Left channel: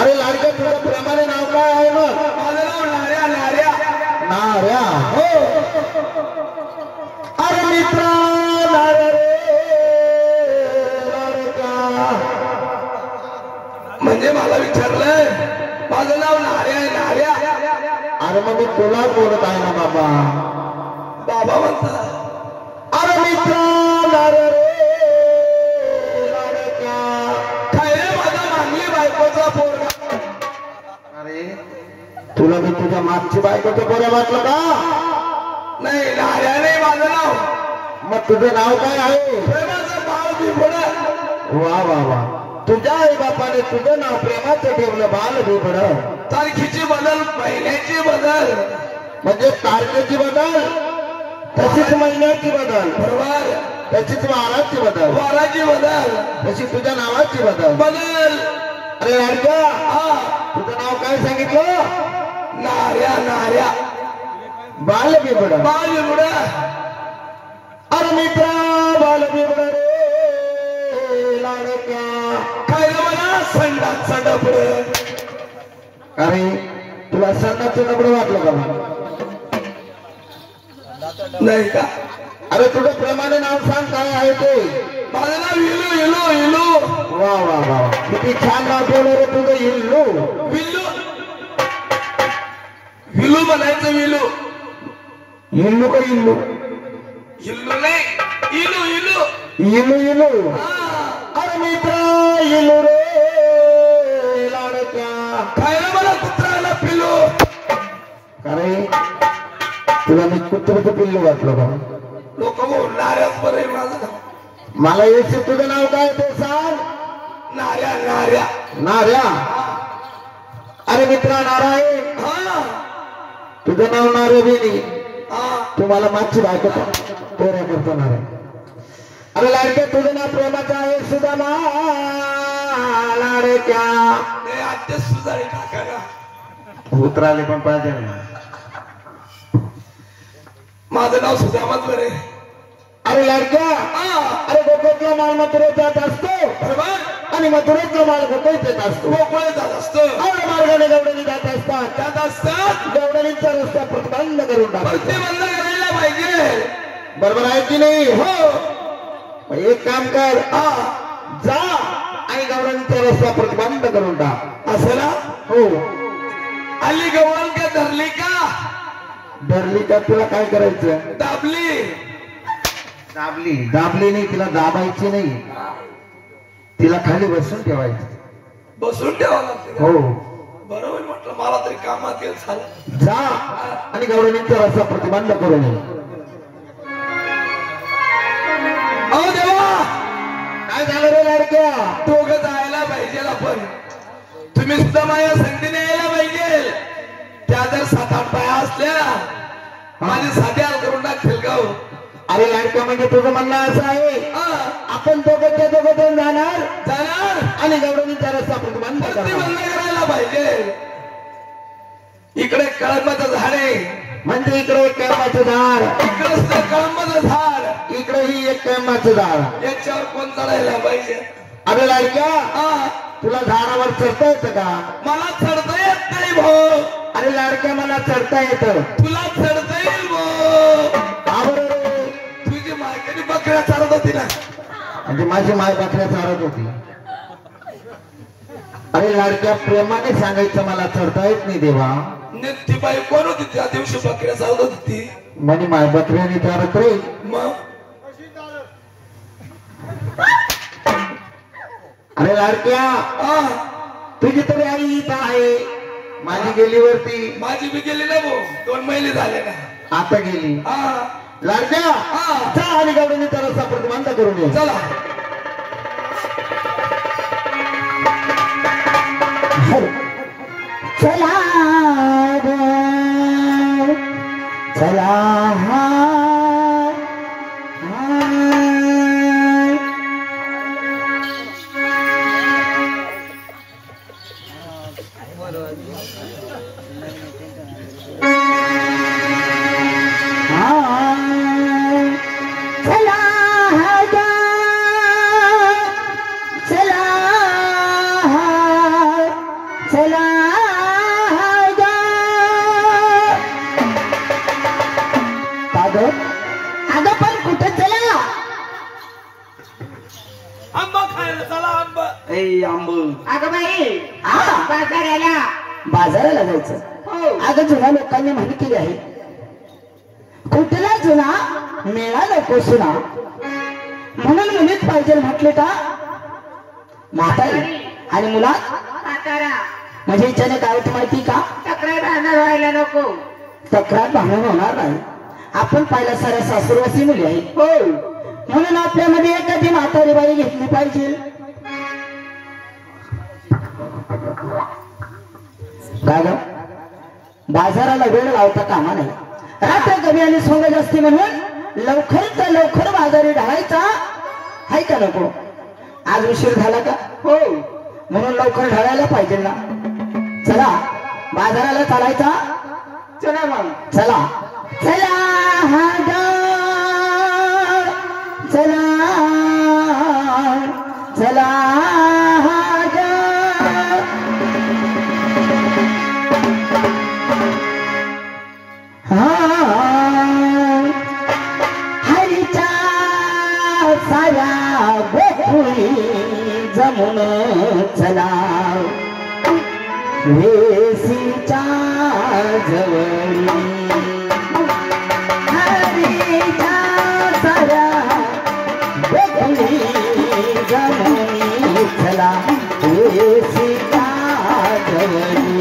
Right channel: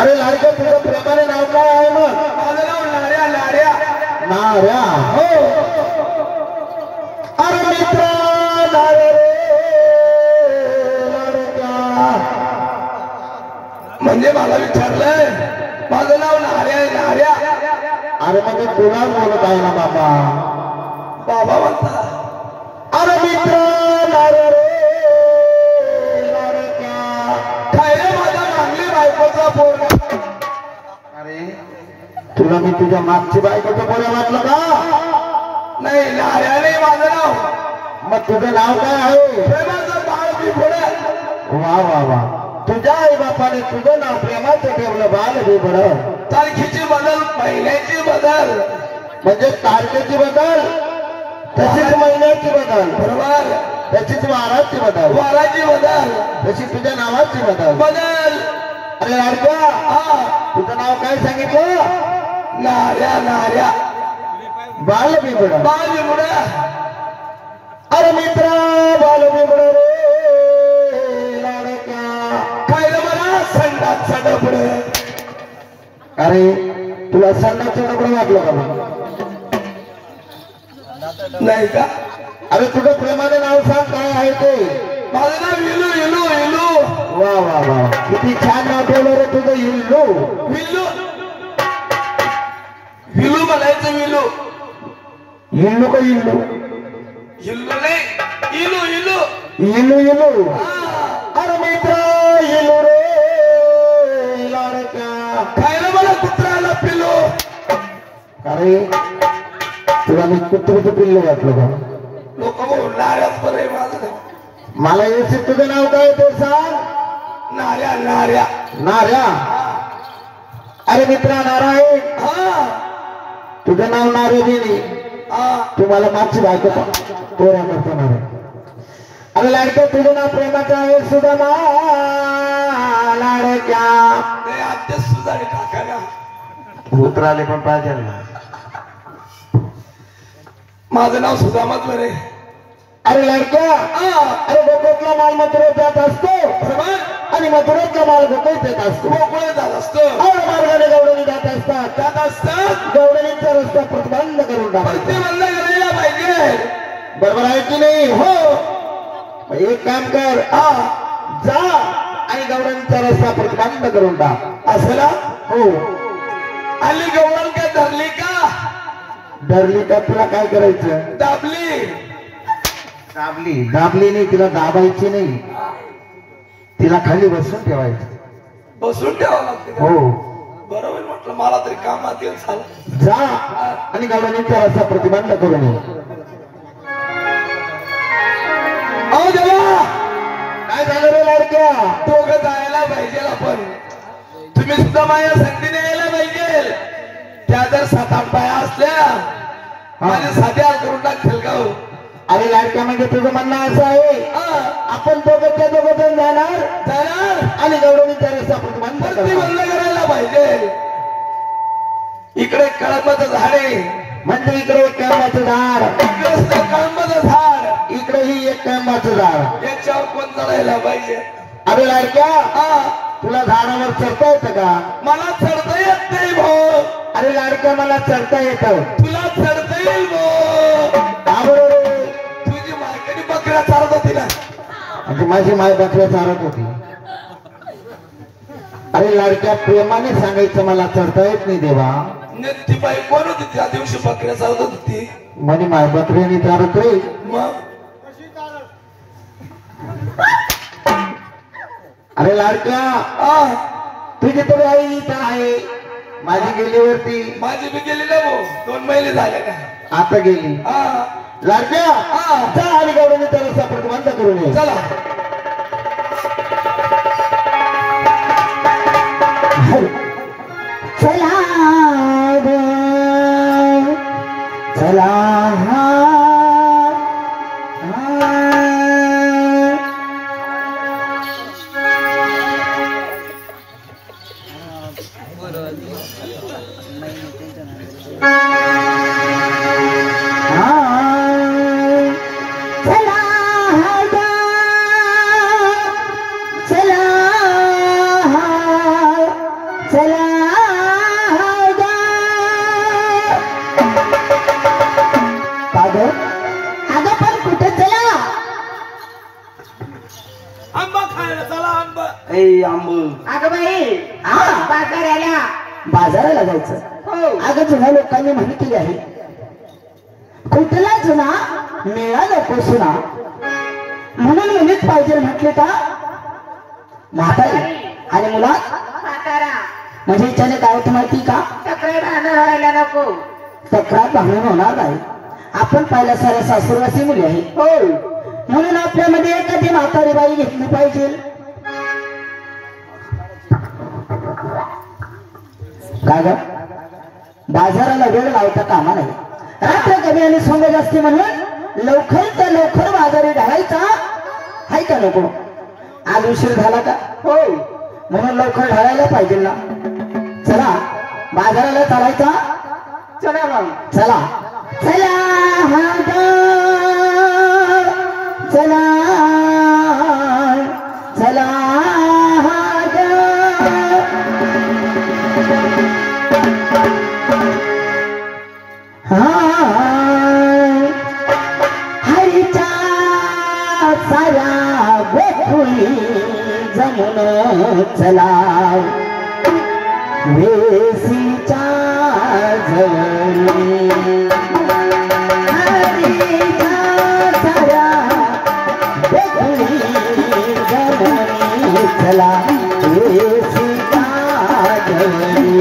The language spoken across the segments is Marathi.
अरे लाडक्या तुझं प्रेमाने नाव काय आहे मग? माझं नाव नार्या. नार्या नार्या. हो. अरे मित्रा नार्या रे लाडक्या. म्हणजे मला विचारलंय माझं नाव नार्या आहे. नार्या. अरे मग मी तुला बोलत आहे ना बाबा. बाबा म्हणता. अरे मित्रा नार्या रे लाडक्या. काय रे माझा मागली बायकोचा पोरगा. अरे तुला मी तुझ्या मागची बायकोचं पोरं वाटलं का? नाही नार्या नाही माझं नाव. मग तुझं नाव काय आहे? प्रेमाचं बाळ बिबड. वा वा वा. तुझ्या आई बापाने तुझं नाव प्रेमाचं ठेवलं बाल बिबड. तारखेची बदल महिन्याची बदल म्हणजे तारखेची बदल तशीच महिन्याची बदल बरोबर. तशीच वाराची बदल वाराची बदल तशी तुझ्या नावाची बदल. बदल. अरे लाडक्या हा तुझं नाव काय सांगितलं? नार्या. नार्या बाल बिबड. बाळ बिबड. अरे मित्रा बाल बिबड रे लाडक्या. खायला मला संडासचा डबड. अरे तुला सन्नाचं नबळं वाटलं का मग? नाही का? अरे तुझं प्रेमाने नाव सांग काय आहे ते? माझं नाव इलू. इलू. इलू. वा वा वा. किती छान नाव ठेवलं रे तुझं इल्लू. विल्लू. विलू म्हणायचं. विलू. इल्लू का इल्लू? इल्लू नाही. इलू. इलू. इल्लू इल्लू. हा. अरे मित्रा इल्लू रे लाडक्या. खायला मला कुत्र्याला पिलू. अरे तुला मी कुत्र्याचं पिल्लू वाटलं का? लोक नार्याच बरं माझं नाव. मला येते तुझं नाव काय ते सांग. नार्या. नार्या. नार्या. अरे मित्रा नारायण हा. तुझं नाव नारे बिनी. हा. तुम्हाला मागची बायको पोऱ्या करतो नारायण. अरे लाडक्या तुझं नाव प्रेमाचं आहे सुदामा लाडक्या. नाही आत्या सुजाडी टाकायला. उतराले पण पाहिजे ना. माझं नाव सुदामाच बरे. अरे लाडक्या अरे गोकुळातला माल मथुरेत जात असतो बरोबर. आणि मथुरेतला माल गोकुळात येत असतो. गोकुळे जात असतं. अरे मार्गाने गवडणी जात असतात. जात असतात. गवडणीचा रस्ता प्रतिबंध करून पण ते टाकायचा. बंद करायला पाहिजे. बरोबर आहे की नाही? हो. मग एक काम कर जा आणि गवडणीचा रस्ता प्रतिबंध करून टाक. असं ना. हो. आली गवळण का धरली का? धरली का तुला काय करायचं? दाबली. दाबली. दाबली नाही तिला दाबायची नाही. तिला खाली बसून ठेवायचं. बसून ठेवावं लागते का? हो. बरोबर म्हटलं मला तरी कामात येईल. झालं. जा आणि गवडणीचा रस्ता प्रतिबंध करून ये. अहो देवा काय झालं रे लाडक्या? दोघं जायला पाहिजे आपण. तुम्ही सुद्धा माझ्या संधीने यायला पाहिजे. त्या जर 7-8 बाया असल्या माझी साधी हाल करून टाकतील का? अरे लाडक्या म्हणजे तुझं म्हणणं असं आहे आपण दोघंच्या दोघं जण जाणार आणि गवडणीचा रस्ता प्रतिबंध प्रतिबंध करायला पाहिजे. इकडे कळंबाचं झाड आहे. म्हणजे इकडे एक कळंबाचं झाड, इकडे सुद्धा कळंबाचं झाड, इकडेही एक कळंबाचं झाड. याच्यावर कोण चढायला पाहिजे? अरे लाडक्या तुला झाडावर चढता येतं का? मला चढता येत नाही भाऊ. अरे लाडक्या मला चढता येतं. तुला चढता येईल भाऊ. बरोबर. तुझी मार्केट बकऱ्या चालत होती ना. म्हणजे माझी माय बकऱ्या चालत होती. अरे लाडक्या प्रेमाने सांगायचं मला चढता येत नाही देवा. ती बाई कोण होती त्या दिवशी बकऱ्या चालत होती? म्हणे माय बकऱ्याने चालत रे. मग अरे लाडक्या तुझी तरी आई इथं आहे. माझी गेली वरती. माझी बी गेली ना भाऊ. 2 महिने झाले का? आता गेली. लाडक्या जा आणि गवडणीचा रस्ता प्रतिबंध करून ये. चला. चला चला चला अगं पण कुठे चला आंबा खायला चला आंबा आंब अगं बाई बाजाराला जायचं अगं जुन्या लोकांनी म्हण केली आहे कुठला जुना मेळा नको सुना म्हणून मुलीच पाहिजे म्हटले का म्हातारी आणि मुलात म्हणजे हिच्याने काय होतं माहिती का व्हायला नको तक्रार भांडण होणार नाही आपण पाहिल्या साऱ्या सासूरवासी मुली आहे म्हणून आपल्यामध्ये एखादी म्हातारी बाई घेतली पाहिजे काय ग बाजाराला वेळ लावता कामा नाही रात्र कमी आणि सोंग जास्ती म्हणून लवकर तर लवकर बाजारी ढाळायचा हाय का नको आज उशीर झाला का हो म्हणून लवकर ढाळायला पाहिजे ना चला बाजाराला चालायचा चला मग चला चला चला चला हरीच्या साया गोकुळी जमुन चला वेसीच्या जवळी हरीच्या साया गोकुळी जमुनी चला वेसीच्या जवळी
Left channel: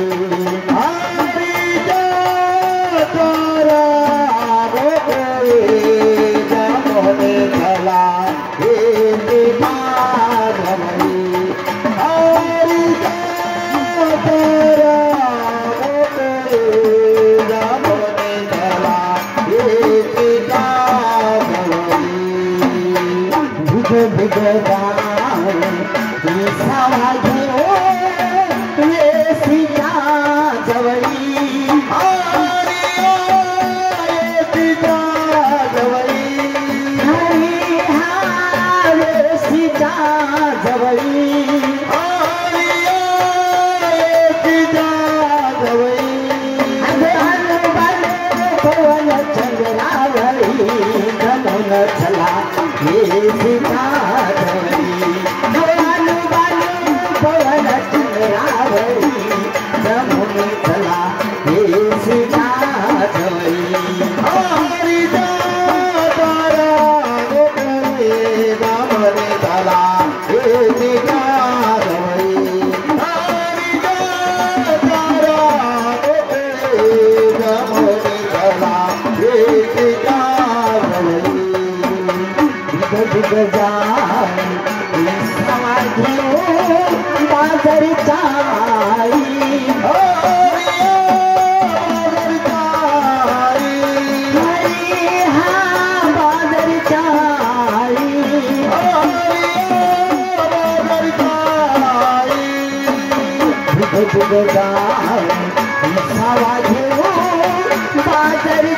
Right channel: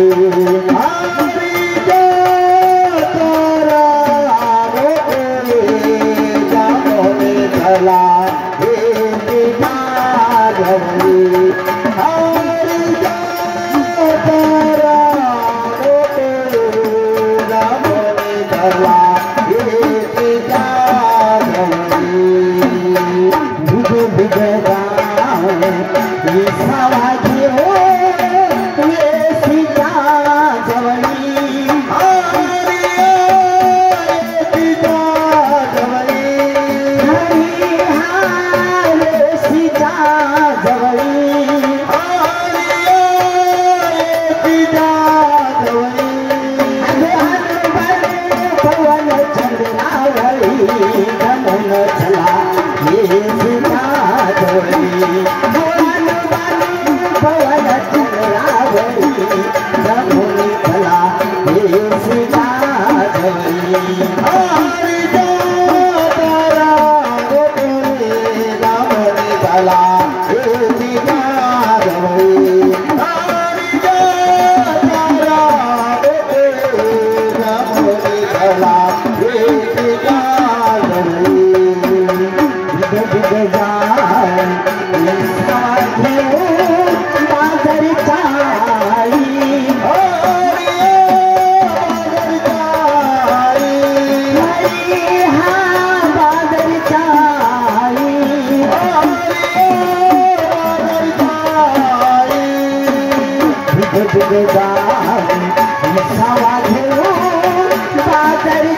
बाजारी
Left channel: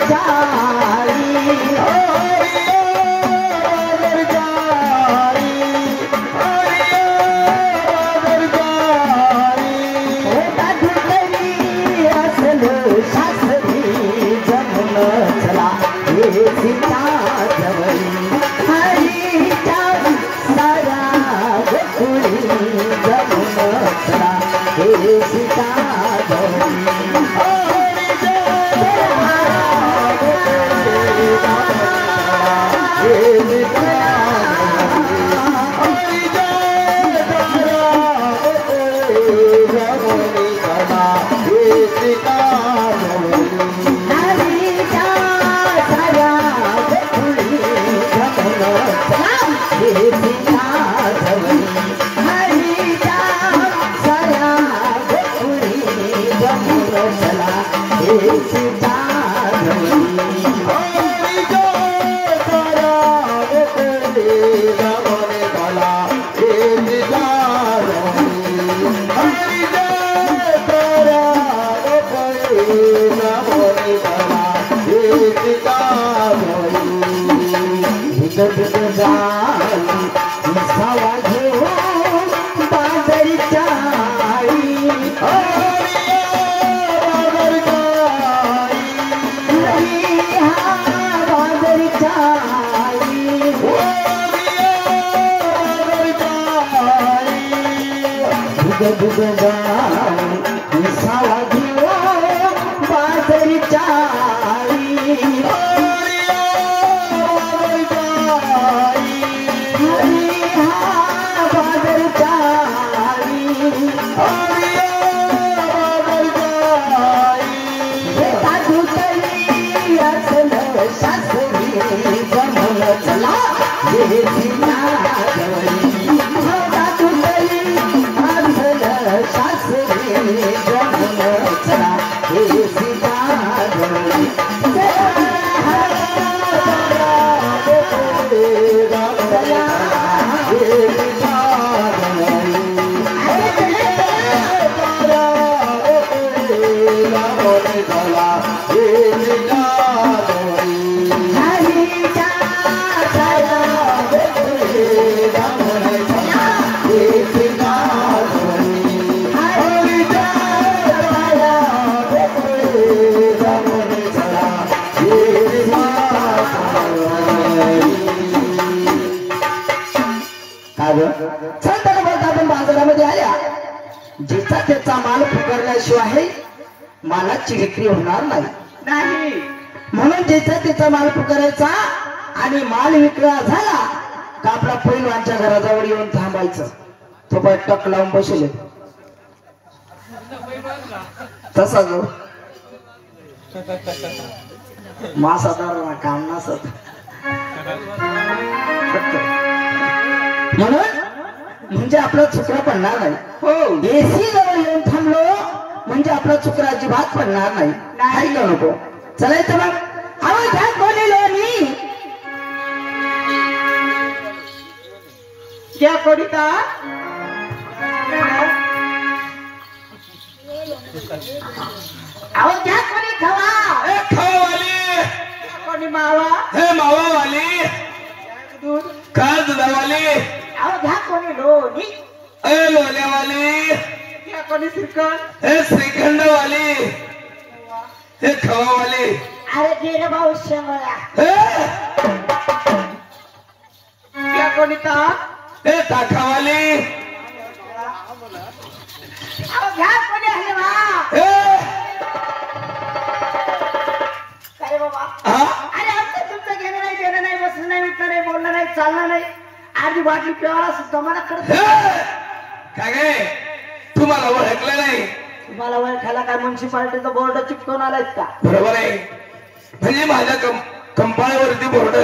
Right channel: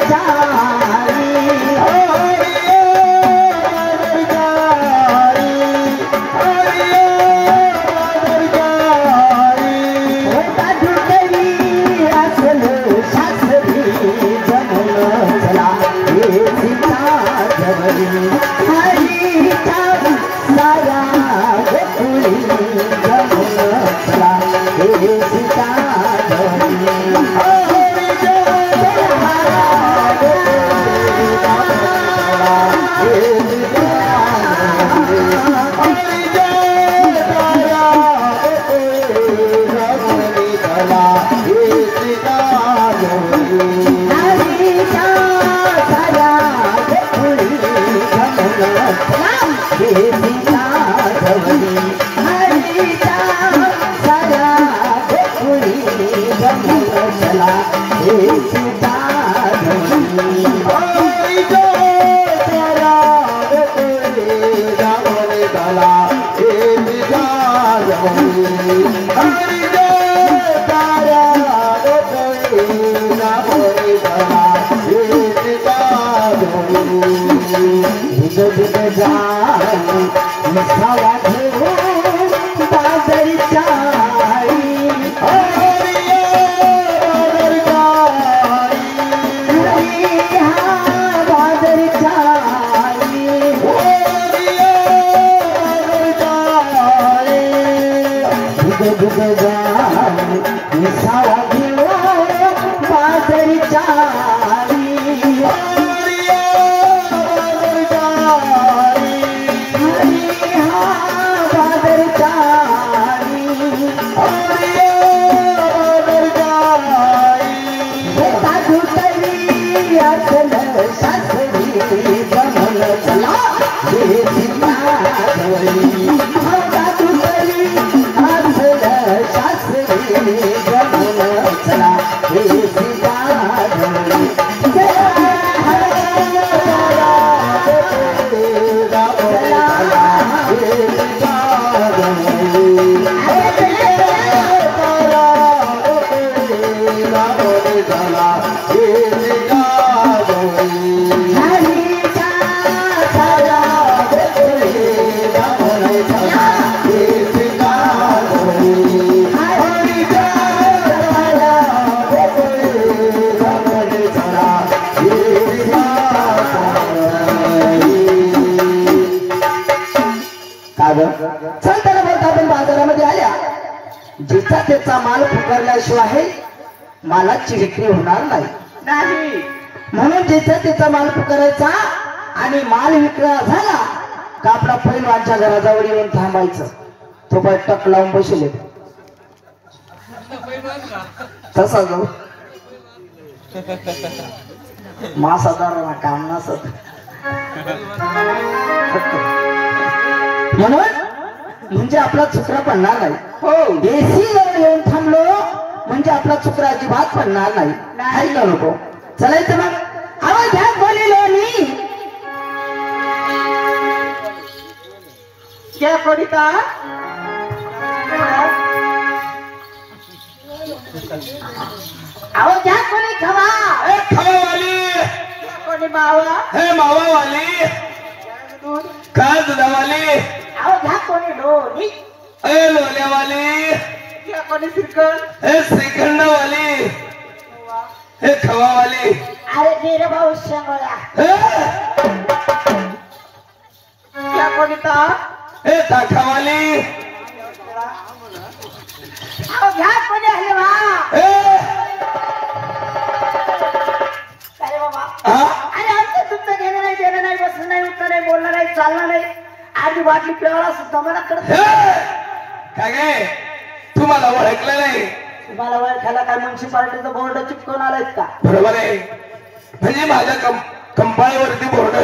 चलताना बोलता आपण बाजारामध्ये आल्या जिचा त्याचा माल पुकारल्याशिवाय मालाची विक्री होणार नाही म्हणून जिचा त्याचा माल पुकारायचा आणि माल विक्रा झाला का आपला पैलवानच्या घराजवळ येऊन थांबायचं. तो बाय टक लावून बसले तसा जाऊ मासादार काम नसत म्हणून म्हणजे आपला चुकरा पडणार नाही. हो देशी जवळ येऊन थांबलो म्हणजे आपला चुकरा अजिबात पडणार नाही का नको. चलायचं मग आवाज घ्या बोलिलो मी क्या करिता आवाज घ्या कोणी खवा खावावाली कोणी मावा हे मावावाली का दुधावाली आवाज घ्या कोणी लोणी ए लोल्यावाली क्या कोणी श्रीखंड हे श्रीखंडवाली हे खवावाली अरे गेले भाऊ शेंगोळ्या क्या कोणी हे ताखावाली आवाज घ्या कोणी हलवा अरे बाबा अरे आमचं तुमचं घेणं नाही देणं नाही बसणं नाही उठणं नाही बोलणं नाही चालणं नाही आधी बाटली पिळायला सुद्धा मला करत काय गे तुम्हाला ओळखलं नाही. तुम्हाला ओळखायला काय म्युन्सिपाल्टीचा बोर्ड चिपकून आलायत का. बरोबर आहे म्हणजे माझ्या कंपाळवरती बोर्ड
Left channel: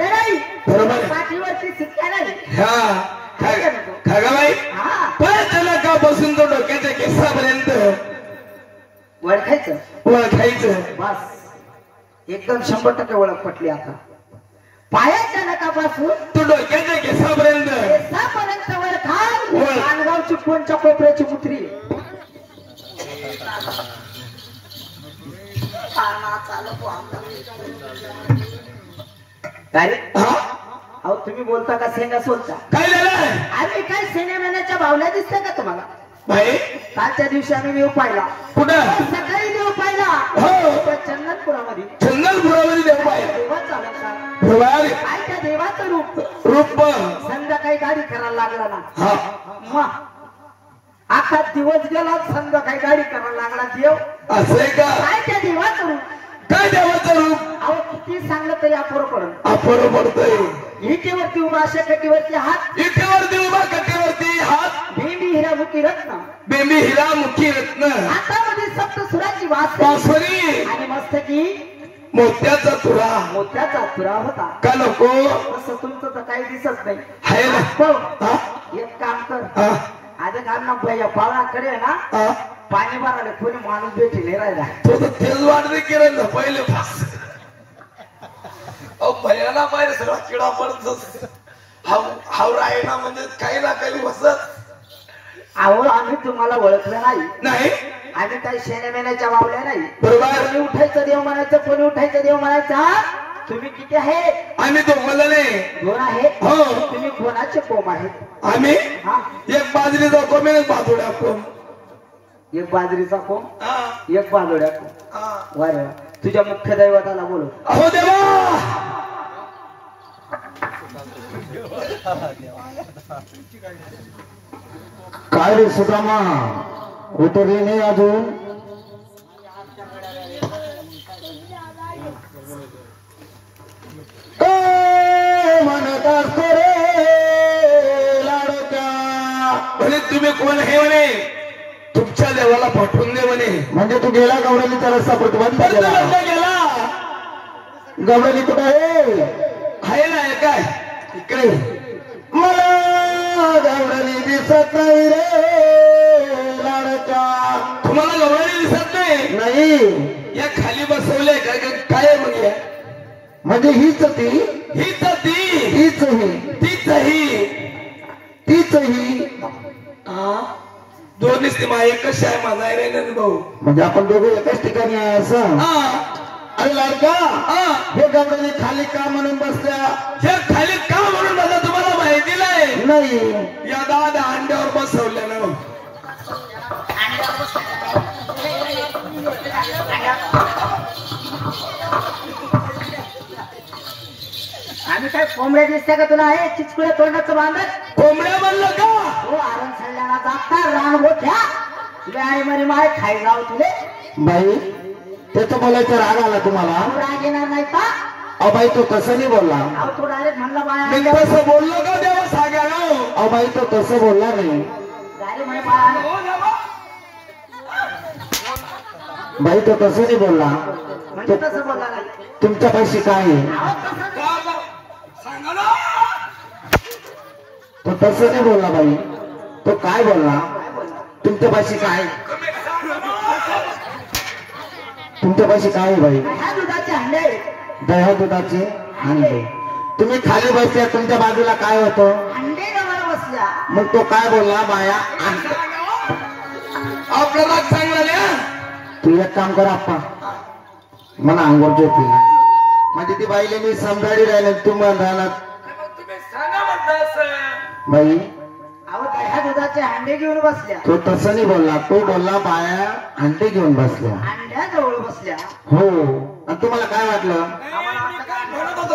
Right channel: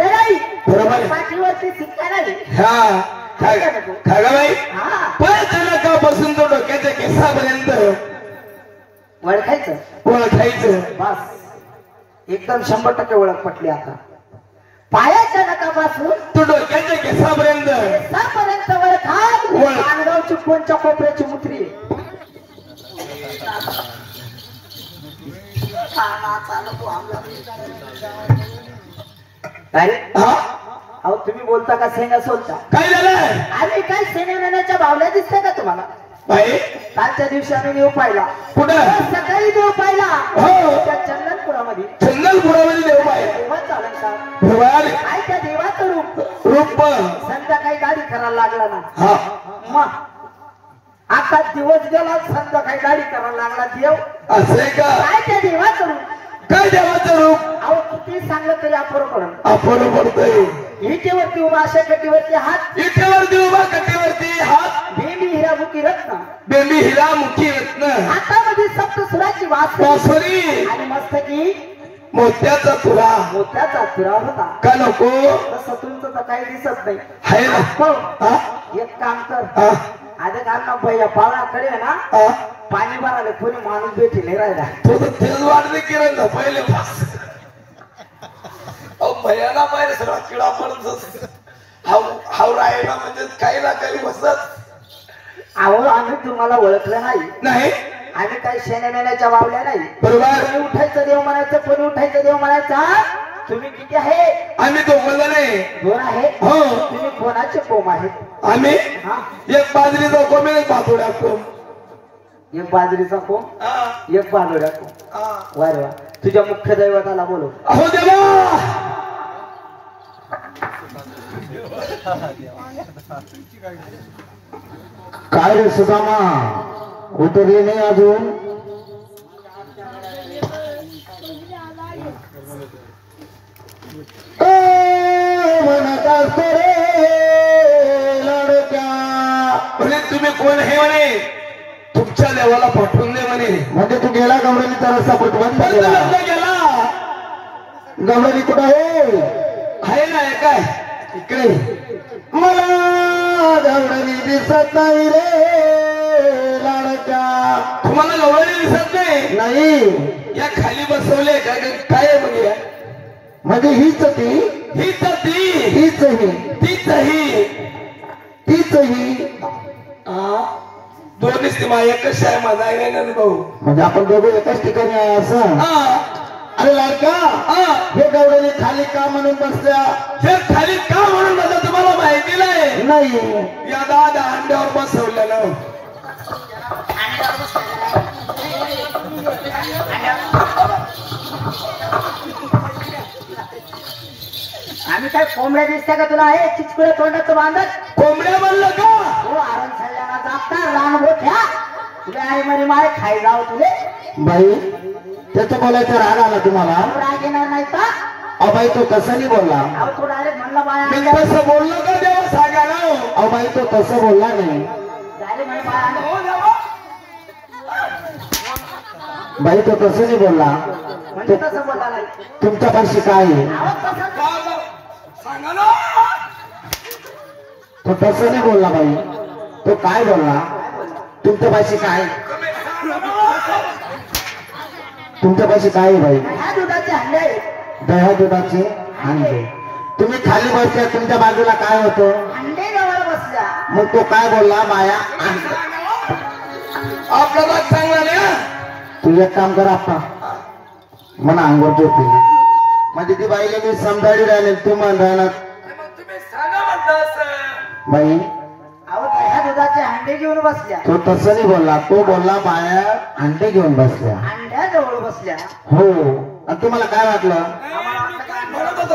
नाही बरोबर पाठीवरती शिक्का नाही. हा खागाबाई पाय नकापासून तो डोक्याच्या केसापर्यंत ओळखायचं बस एकदम 100% ओळख पटली. आता पायाच्या नकापासून तो डोक्याच्या केसापर्यंत माणगावची कोणच्या कोपऱ्याची मुत्री अहो तुम्ही बोलता का सेना सोलता काय झालं. आम्ही काय सेनेमेण्याच्या बावल्या दिसत्या का तुम्हाला. बाई कालच्या दिवशी आम्ही देव पाहिला. कुठं सकाळी देव पाहिला. हो त्या चंदनपुरामध्ये देव पाहिला. देवाचा अलंकार बरोबर काय त्या देवाचं रूप संध्याकाळी गाडी करायला लागला ना. हा मग आखा दिवस गेला संध्याकाळी गाडी करायला लागला देव. असं आहे का. काय त्या देवाचं रूप काय देवाचं रूप. अहो किती सांगलं तरी अपुरं पडत. अपुरं पडतंय. इटेवरती उभा अशा कटीवरती हात इटेवरती उभा कटीवरती हात बेंबी हिरामुखी रत्न बेंबी हिरा मुखी रत्न हातामध्ये सप्त सुराची बासुरी आणि मस्तकी मोत्याचा तुरा होता. का नको तसं तुमचं तर काही दिसत नाही आहे ना. एक काम कर आधी घालना भैया पाळाकडे ना पाणी भरायला कोणी माणूस भेटेल राहिला. तो तर तेच वाटते किरण ना पहिले भैयाला पाहिजे सगळा किडा पडत हावरा आहे ना म्हणजे काही ना काही बसत. अहो आम्ही तुम्हाला ओळखलं नाही आम्ही काही शेण्यामेण्याच्या वावल्या नाही. बरोबर. कोणी उठायचं देव म्हणायचं कोणी उठायचं देव म्हणायचा. तुम्ही किती आहे. आम्ही दोघं नाही 2 आहे. हो तुम्ही कोणाचे कोम आहेत. आम्ही हा एक बाजरीचा कोम एक बाजूला कोम. एक बाजरीचा कोंब, हा, एक बांधोड्या कोंब. हा. वा रे वा. तुझ्या मुख्य दैवताला बोलव. अहो देवा, काय रे सुदामा, उतरली नाही अजून? म्हणत असतो रे लाडक्या. म्हणे तुम्ही कोण हे म्हणे, तुमच्या देवाला पाठवून दे म्हणे. म्हणजे तू गेला गवळणीचा रस्ता प्रतिबंध पण केला. तो गेला. गवळणी कुठं आहे? आहे ना, हे काय इकडे. मला गवळणी दिसत नाही रे लाडक्या. तुम्हाला गवळणी दिसत नाही? नाही. या खाली बसवले काय काय आहे मग हे? म्हणजे हीच ती, हीच ती, हीच ही, तीच ही. तीच ही. दोन्हीच ती माझ्या एकच आहे, माझा आहे ना भाऊ. म्हणजे आपण दोघे एकाच ठिकाणी आहे असं. हा, अरे लाडका, हा. हे गवळणी खाली का म्हणून बसल्या? हे खाली का म्हणून माझा तुम्हाला माहिती नाही? नाही. या दादा अंड्यावर बसवलेलं. आम्ही काय कोंबड्या दिसते का तुला? हे चिचकुळ्या तोंडाचं बांधत. कोंबड्या म्हणलं का? हो आरण सल्ल्याना जाता रान गोठ्या. तुला आई मरी माय खाई जाऊ तुले. बाई, त्याचं बोलायचं राग आला तुम्हाला? राग येणार नाही का? अहो बाई, तो तसं नाही बोलला. अहो तो डायरेक्ट म्हणला बाया मी तसं बोललो का देवा सांगायला? अहो बाई, तो तसं बोलला नाही. डायरेक्ट म्हणे बाया हो देवा. बाई, तो तसं नाही बोलला. म्हणजे तसं बोलला नाही. तुमच्या पैसे काय आहे? अहो तसं का बरं? सांगा ना. तो तसं नाही बोलला बाई. तो काय बोलला? काय बोलला? तुमच्या पैसे काय? तुम्ही सांगा ना. तुमच्या पैसे काय आहे बाई? ह्या दुधाचे हंडे आहेत. दह्या दुधाचे अंडे. तुम्ही खाली बसल्या, तुमच्या बाजूला काय होतं? अंडे जवळ बसल्या. मग तो काय बोलला? बाया अंडे. आपल्याला चांगला नाही हा? तू एक काम कर आप्पा, मला अंगोर झोपली. म्हणजे ती बाईला मी समजाडी राहिले, तू म्हणणार मग तुम्ही सांगा म्हणता असं. बाई. अहो ह्या दुधाचे हंडे घेऊन बसल्या. तो तसं नाही बोलला. तो बोलला बाया अंडे घेऊन बसल्या. अंड्या जवळ बसल्या. हो. आणि तुम्हाला काय वाटलं? मी काय म्हणत होतो?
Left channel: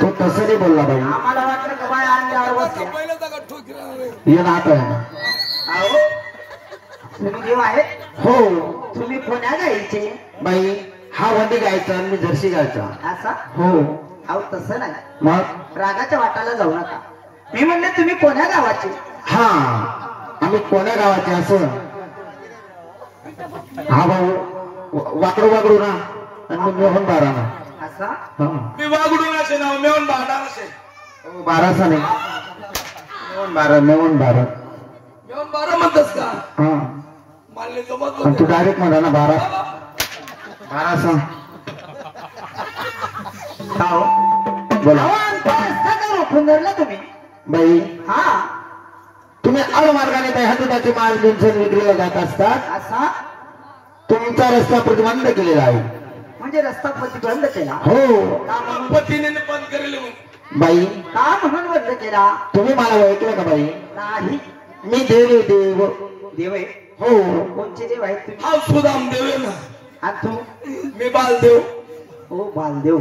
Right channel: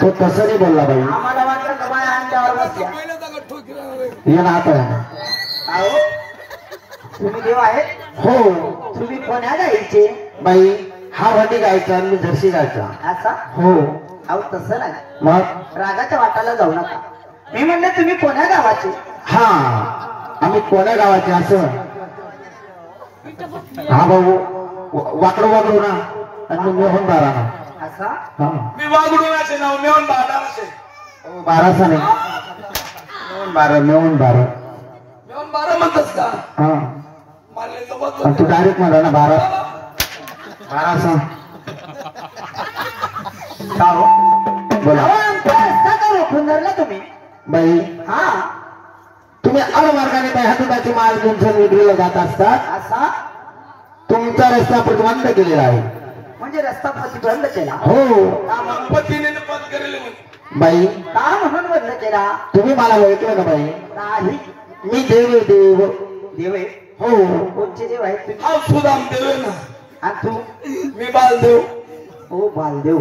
तो तसं नाही बोलला बाई. आम्हाला वाटलं का बाया अंड्यावर बसल्या. ये ना आता. अहो तुम्ही देव आहेत. हो तुम्ही कोण्या गाईचे? बाई, हा भांडी गायचा आणि मी जर्सी गायचा. असा? हो. अहो तसं नाही. मग रागाच्या वाटाला जाऊ नका. मी म्हणले तुम्ही कोण्या गावाचे? हा, आम्ही कोण्या गावाचे असं? हा भाऊ, वाकडो वाकडो ना, आणि मी मेहून बारा ना. असा? हा, मी वागडून असे नाव मेवून भांडा असे. बाराचा नाही, मेहून बारा, मेहून बारा. मेवून बारा म्हणतस का? हा, मानले जमत आणि तू होते. डायरेक्ट म्हणा ना बारा. बाराचा. का हो? बोला. अहो, आमचा रस्ता का रोखून धरला तुम्ही? बाई, हा तुम्ही आडमार्गाने बाई हातुटाची माल घेऊन जर विक्रीला जात असतात, असा? तुमचा रस्ता प्रतिबंध केलेला आहे. म्हणजे रस्ता प्रतिबंध केला? हो. का म्हणून? पतीने बंद करेल म्हणून. बाई, का म्हणून बंद केला? तुम्ही मला ओळखलं का बाई? नाही. मी देव आहे, देव. देव आहे? हो. कोणचे देव आहेत तुम्ही? हा सुदाम देव आहे ना. आणि तू? मी बालदेव. ओ बालदेव.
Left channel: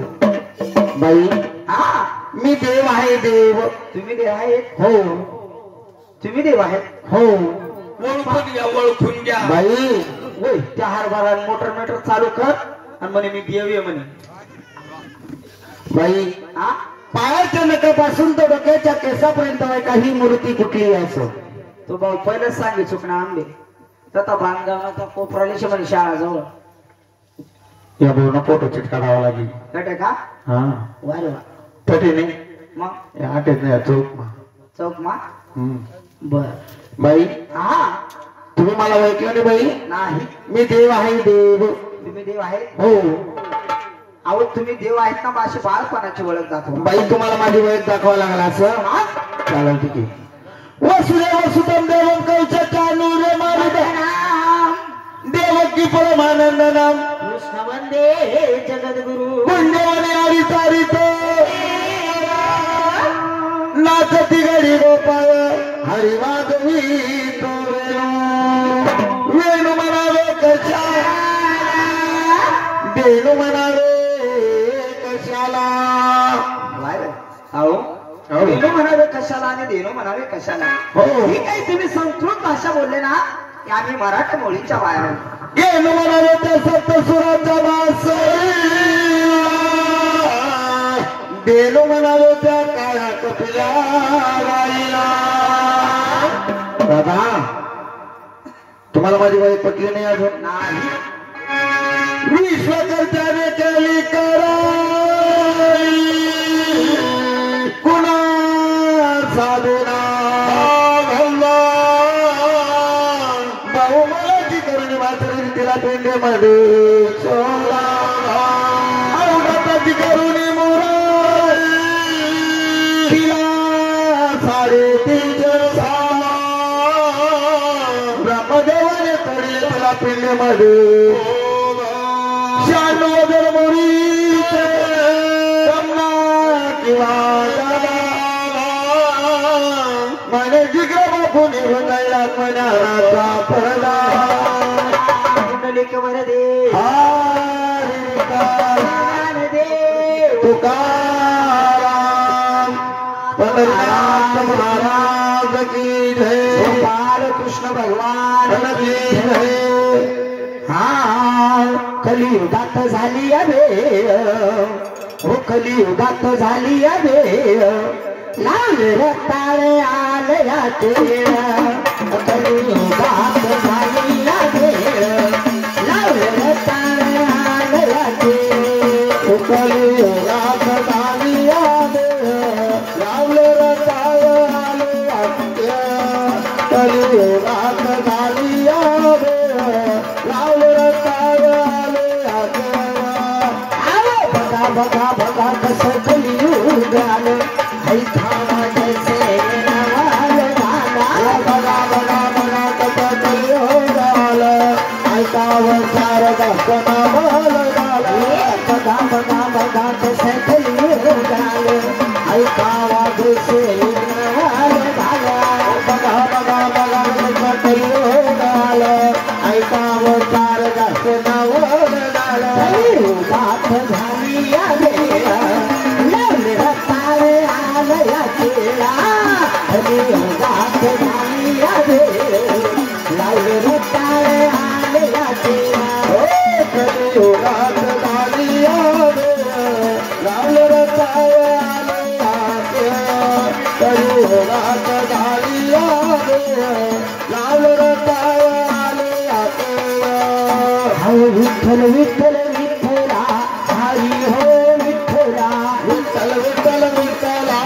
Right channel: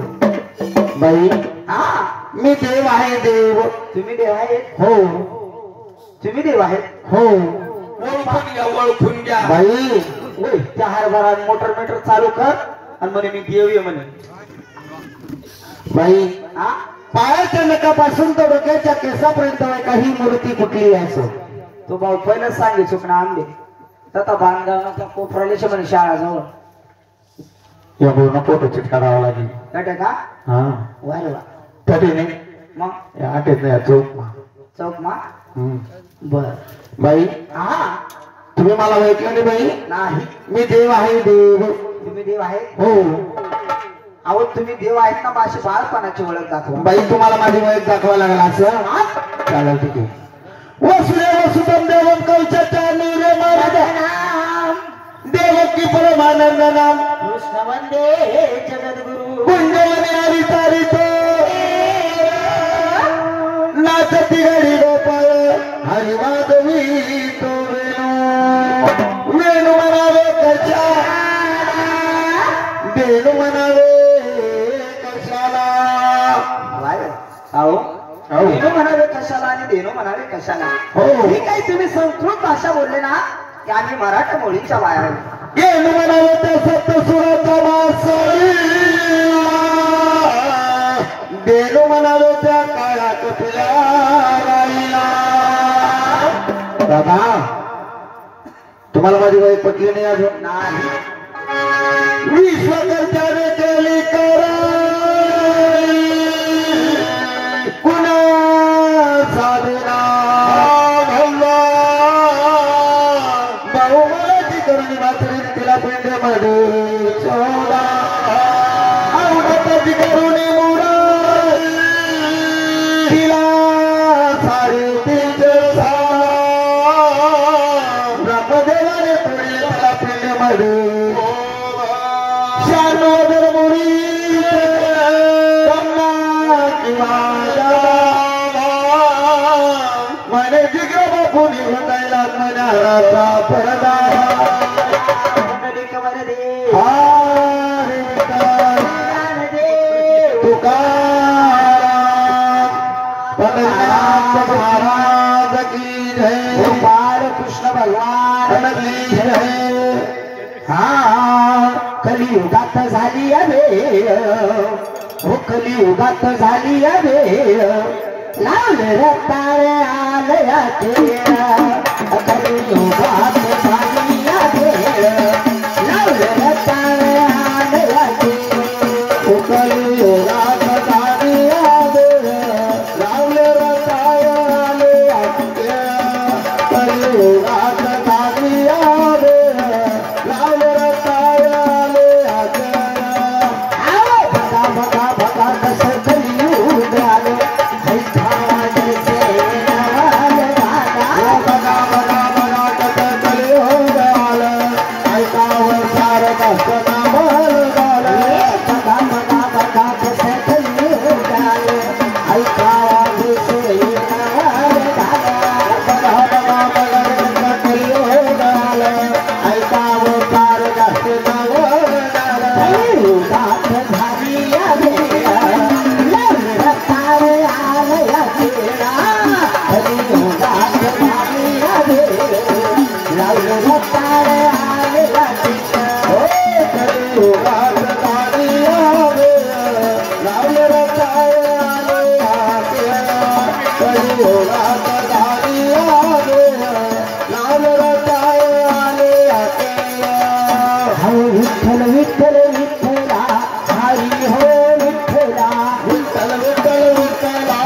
बाई, हा मी देव आहे, देव. तुम्ही देव आहेत? हो. तुम्ही देव आहेत? हो. ओळखून घ्या, ओळखून घ्या. बाई, ओय, त्या हरभरा मोटर मेटर चालू कर आणि म्हणे मी देव आहे म्हणे. बाई, हा पायाच्या नकापासून तर डोक्याच्या केसापर्यंत काही मूर्ती कुठली असो. तो भाऊ पहिलंच सांगे चुकणा आंबे तथा बांधगावच्या कोपरालेश म्हणे शाळा जवळ. या पूर्ण फोटो चिट काढावा लागेल. कटे का? हा, वा रे वा. तटे नाही, मग या आटेत नाही, या चौक. चौक मा हम्म. बर. बाई, हा तुम्ही मला ओळखलं नाही बाई? नाही. मी देव आहे, देव. तुम्ही देव आहेत? हो. अहो तुम्ही देव आहेत ना, माझी बाळपणाची ओळख दाखवा. बाई, तुम्हाला माझी ओळख दाखवा लागला असं? हा? चालेल, ठीक आहे. वसुदेव सुतम देवम कौशचानूरे मारुत देवकी परमानंद नाम कृष्ण वंदे जगद्गुरु कुंजवने हरिचारित नाचती गडी गोपाळ हरी माधवी तो वेणू वेणू म्हणावे कशाला वेणू म्हणावे कशाला अहो देणो म्हणावे कशाला आणि देणो म्हणावे कशाला हो हे काही तुम्ही संस्कृत भाषा बोलले ना की आम्ही मराठी मुलींच्या बाया आहोत. वेणू म्हणावे त्या सप्तसुराचा वासळीला वेणू म्हणावे त्या काळ्या कपिला बाईला. दादा तुम्हाला माझी वय पटली नाही अजून नाही विश्वकर्त्याने केली कुणा साधना बहुमलाची करुणी मात्र तिला पेंढ्यामध्ये सोडा अवघाताची करुणी मुरा तिला साडेतीनशे ब्रह्मदेवाने तोडले तिला पेंढ्यामध्ये शानोदर मुरी कमला किंवा मने जिग्र बापू निघून जायला मनाचा परदा कुंडलिक वरदे तुकाराम पंढरीनाथ महाराज की जय बालकृष्ण भगवान की जय. हा कलियुगात झाली अभे हो कलियुगात झाली अभे लावले रताळे आलयाचे कलियुगात झाली अभे लावले रताळे आलयाचे कलियुगात झाली आले लावले रताळे आलयाचे कलियुगात झाली आले लावले रताळे आलयाचे. बघा बघा बघा कसं कलियुग आलं विठ्ठल विठ्ठल विठ्ठला हरी हो विठ्ठला विठ्ठल विठ्ठल विठ्ठला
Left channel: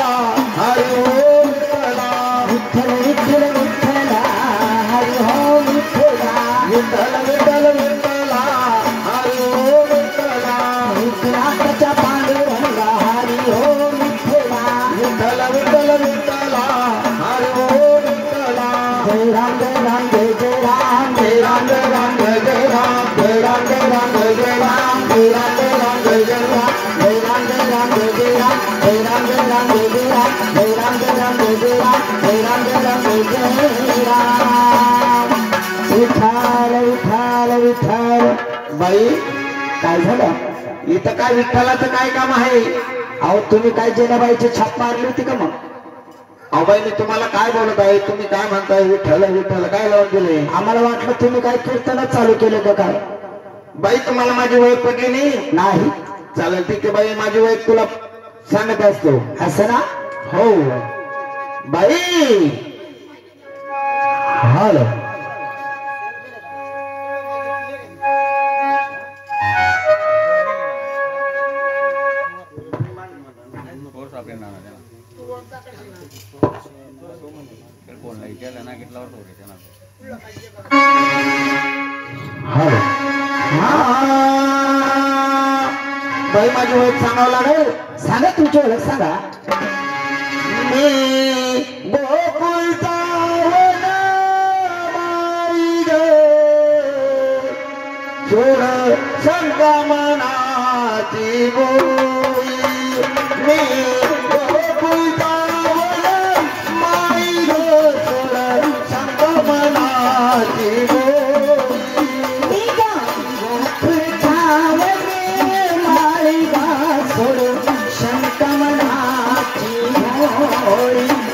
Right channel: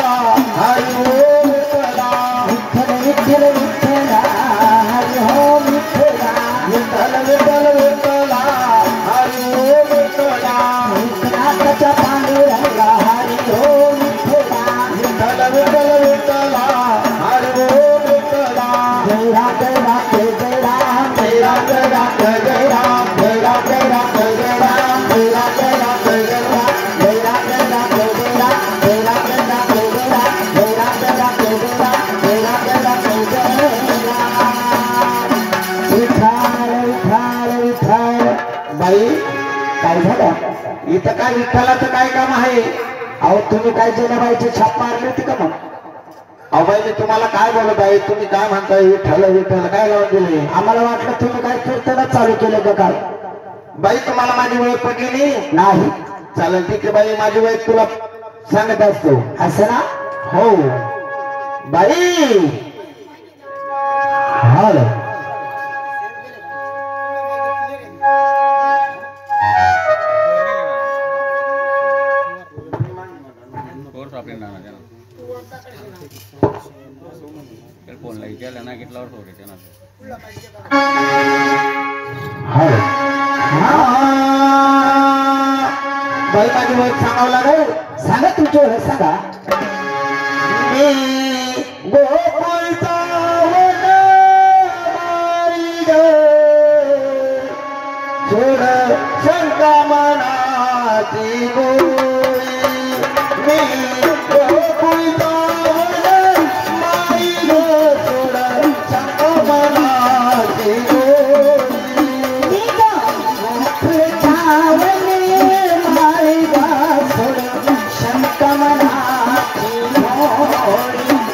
हरी हो विठ्ठला विठ्ठल विठ्ठल विठ्ठला हरी हो विठ्ठला विठ्ठल विठ्ठल विठ्ठला हरी हो विठ्ठला विठ्ठलाच्या पांडुरंगा हरी हो विठ्ठला विठ्ठल विठ्ठल विठ्ठला हरी हो विठ्ठला. जय राम जय राम जय जय राम जय राम जय राम जय जय राम जय राम जय राम जय जय राम जय राम जय राम जय जय राम जय राम जय राम जय जय राम जय राम जय राम जय जय राम जय राम जय राम जय जय राम जय राम जय राम जय जय राम. विठ्ठल विठ्ठल विठ्ठल. बाई काय झालं इथं काय विठ्ठलाचं काय काम आहे? अहो तुम्ही काय जेनाबाईची छाप मारली होती का मग? अहो बाई मी तुम्हाला काय बोलत आहे? तुम्ही काय म्हणताय विठ्ठल विठ्ठल काय लावून दिले? आम्हाला वाटलं तुम्ही काय कीर्तनच चालू केलं का काय? बाई तुम्हाला माझी ओळख पटली नाही? नाही चालेल ठीक आहे बाई माझी ओळख तुला सांगत असतो. असं ना हो बाई हॅलो बाई माझी ओळख सांगावं लागेल. सांगा तुमची ओळख सांगा. मी गोकुळचा वनमाई ग सोड शंका मनाची गोई. मी गोकुळचा वनमाई मोरी